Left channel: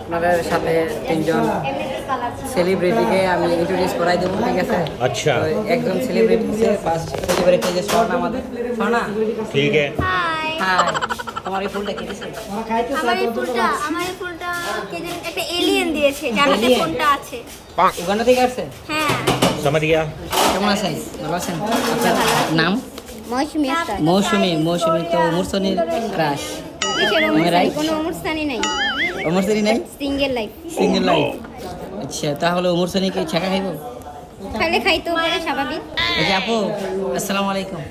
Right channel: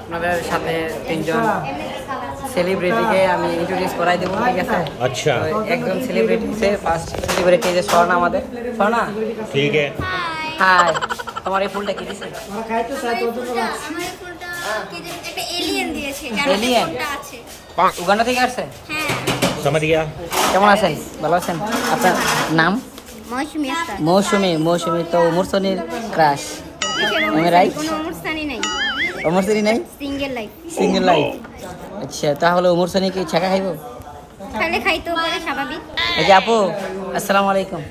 আপনাদের সাথে তিনজন সেলিব্রিটিকে আমি ইন্ট্রোডিউস করাই দেবো, ঠিক আছে? আচ্ছা। তো একজন সেলিব্রিটি আছে, ফার্স্ট সেলিব্রিটি যে স্বর্ণা আমাদের। স্বর্ণা, ঠিক আছে। হাই। তোমার এই ফুলটা কি দিছে? আমার এই ফুলটা কে যে একটা এলিয়েন দিয়েছে, যার হাতে Alien? ফোনটা আছে। উগান্ডা থেকে আসছেন? হ্যাঁ, समझ गया। কেমন আছেন? ভালো আছেন? আপনার নাম? মৌসুমী আক্তার। মৌসুমী। মৌসুমী তো মুরসনির ক্রাশ। আমি right? কোনো অনুষ্ঠানই নাই, মুরসনি নাই? Single life. Single life. আচ্ছা, তাহলে মুরসনি কি ছাকা খাইব? খাইলে খাইতে পারে, স্বাভাবিক। এই যে আপু, আসসালামু আলাইকুম।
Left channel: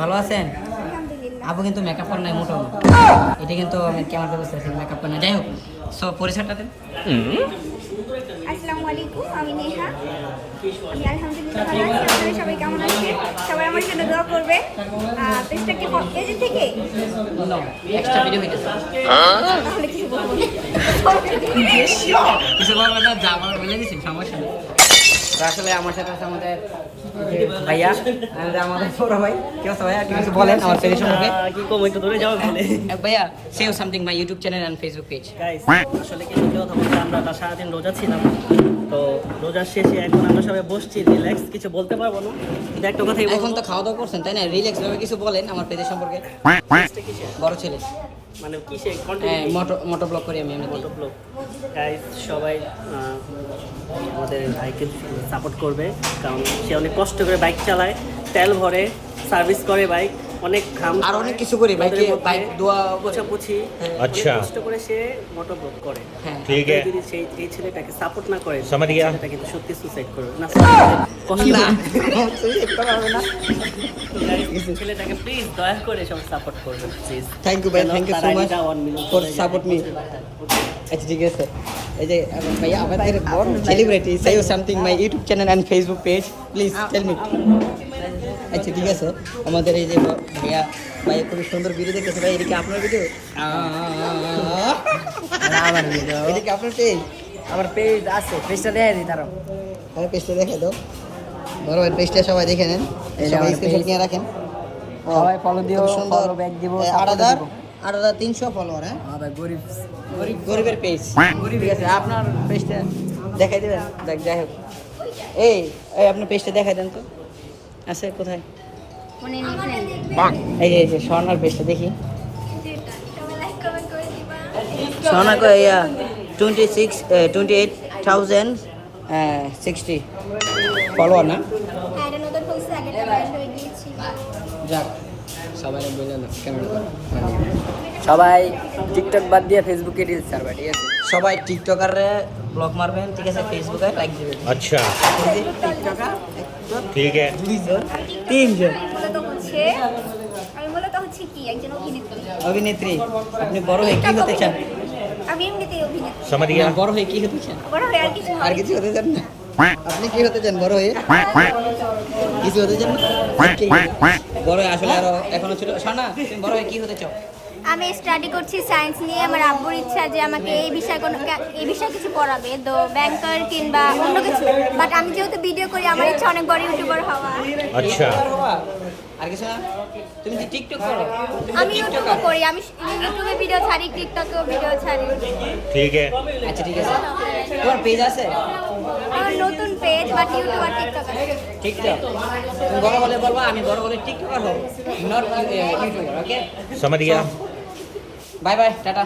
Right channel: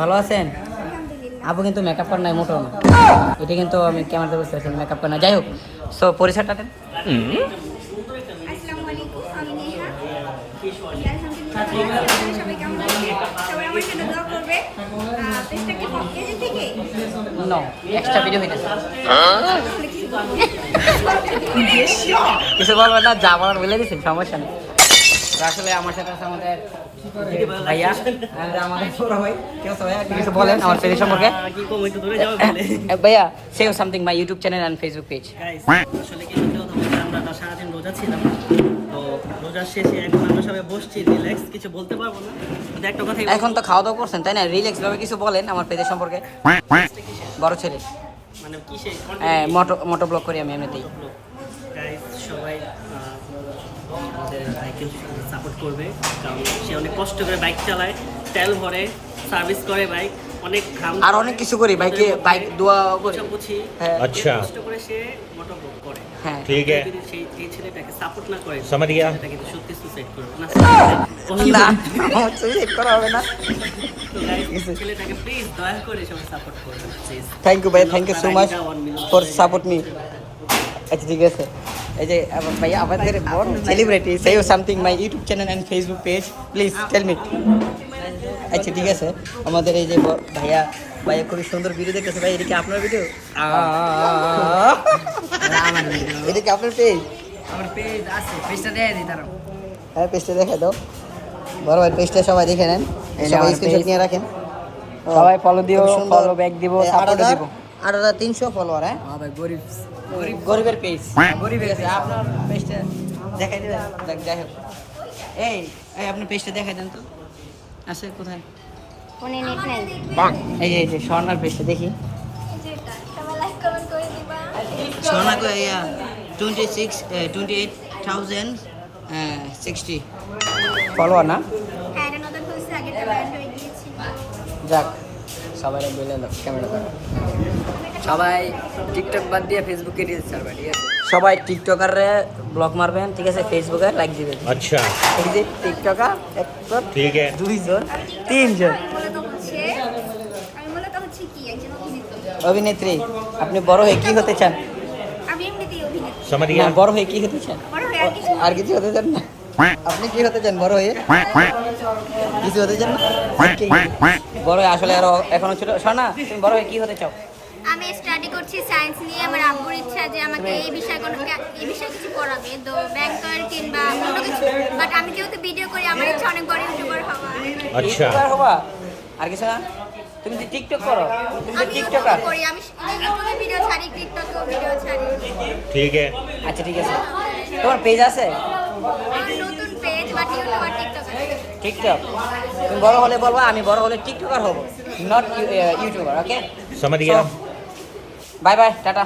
ভালো আছেন? আলহামদুলিল্লাহ। আপু কিন্তু মেকআপ করেন নাই মোটো। এটা কিন্তু আমি ক্যামেরাতে বুঝতে পারছি মেকআপ করেন না। যাই হোক, সো পরিচয়টা দেন। আসসালামু আলাইকুম, আমি নেহা। আমি আলহামদুলিল্লাহ ভালো আছি। আপনারা সবাই কেমন আছেন? সবাই আমার জন্য দোয়া করবে। পেজটাকে পেজে থেকে নো, এক্সট্রা ভিডিও হইতেছে। তাহলে কিছু বলবো না। কিছু বলবেন না, যা বলার বলে দিচ্ছি, সমস্যা নেই। তো আসলে আমার সাথে আছে আমাদের ভাইয়া, আর আমাদের বড় ভাই। কি অবস্থা ভাইয়া? আপনি কিছু বলেন আমার পেজ সম্পর্কে। কি কম একটু দূরে যাও বলে ভাইয়া, say something my YouTube channel and Facebook page. Guys আসলে কি সত্যি কথা বলতে আমরা তো সারাদিন রোজা ছিলাম, তো রোজার শেষে এখন আমরা সবাই বসছি রিল্যাক্স, কিছু বলতে পারবো না, কিন্তু একটা কথাই এখন তো খাওয়া দাওয়া করছেন তাই না? রিল্যাক্স ভাবে কিছু বলেন আমার পেজের সম্পর্কে। বড় ছেলে, মানে কিসে হ্যাঁ, কন্টেন্ট মোটো ব্লগ করি আমি এমনিতেই। গাইস সবাই আমাদের বাইকে সাপোর্ট করবে, কারণ সে অনেক কষ্ট করে বাইক চালায়, তেল ভরে, সার্ভিস করে বাইক, অনেক ঘাম আর অনেক কিছু করি বাইকে, বাইক দোয়া পোছাপুছি, হ্যাঁ। अच्छा কষ্ট করে সে মোটর ব্লগ করে। হ্যাঁ, ठीक है, যদি সেই যে ছেলেটাকে সাপোর্ট না করে, समझ गया। সেটা কিন্তু সত্যি সুসাইড করবে না। ছেলেটাকে প্লিজ দয়া করে সবাই সাপোর্ট করবে প্লিজ। থ্যাংক ইউ ভাই, thank you so much for support me. আচ্ছা ঠিক আছে, এই যে ভাইয়া আমাদের বড় celebrity, say something my YouTube channel and Facebook page, please tell me. আচ্ছা ঠিক আছে, আমাদের এই যে ভাইয়া খুবই সুন্দর ভিডিও দেখতেছে। ভাই এদিকে আপনার ভিডিও? আমার ভিডিও। এদিকে আপনার পেজ? আমার পেজ আছে, পেজটা দেখাই দিই তারা। হ্যাঁ, পেজটা দেখা দাও। বড় ভাই পেজটা সবাই দেখে নেন, সবাই স্ক্রিনশট নিয়ে রাখেন। সবাই ফলো দিও, ফলো ব্যাক দিব, সাপোর্ট দিব। 8300 ফলোয়ার। হ্যাঁ ভাই, গরিবের পেজ, গরিবের পেজ। আপনার পেজটা দেখাই দিন। যাই হোক, এই আপনি পেজটা দেখাই দেন তো। আছে কোথায়? ফোনে নেট নাই। এই যে স্বর্ণার পেজটা দেখি। সবাই লাইক কমেন্ট করে দিবা। স্বর্ণা কো 28,060 ফলোয়ার না? হ্যাঁ, এটা নতুন হয়েছে, আগেটা ব্র্যান্ড হয়ে গিয়েছে। যাক, সবাই বলে ক্যামেরা, সবাই টিকটক বাদ দিয়ে ফেসবুকে রিলস ছাড়বে, ঠিক আছে? সবাই টিকটকাররে ব্লক মারবেন, ঠিক আছে? ফেসবুকে লাইক দিবেন। अच्छा, টিকটকার ठीक है। 2 জন 3 জন আমি মূলত হচ্ছে কি একজন অভিনেত্রী। অভিনেত্রী। আপনি বড় হয়ে কি হতে চান? আমি এমনিতেই অভিনেত্রী। समझ না, गया। বড় হয়ে কি হতে চান? বড় হয়ে আর কিছু আর কিছু হতে চান না? আপনি কি হতে চান বড় হয়ে? কিছু হতে চান না? বড় হয়ে আসলে আরো এখনো ছিল। শোনা, তুমি বড় হয়ে কি হতে চাও? আমি স্টাডি করছি সায়েন্স নিয়ে। আমার আব্বুর ইচ্ছা যে আমাকে এই বিষয়ে কিছু পড়াবে, তো ব্যাংকার কিংবা অন্য কিছু। বাট আমি যেহেতু ভিডিও করি, আমার ইচ্ছা অনেক বড় ইউটিউবার হওয়া। अच्छा, আর কিছু না? তুমি কি টিকটক করো? আমি ইউটিউবে করি, আমি ইউটিউবে ভিডিও ছাড়ি, টিকটকেও ভিডিও ছাড়ি। ठीक है। আচ্ছা ঠিক আছে, তোমার পেজ আছে? আমার নতুন পেজ, বাট ইউটিউব আর টিকটক আছে। টিকটক? তুমি বড় হলে বলবা আমি বড় হলে টিকটকার হব, নট ইউটিউবার। ওকে, समझ गया। Bye bye, tata.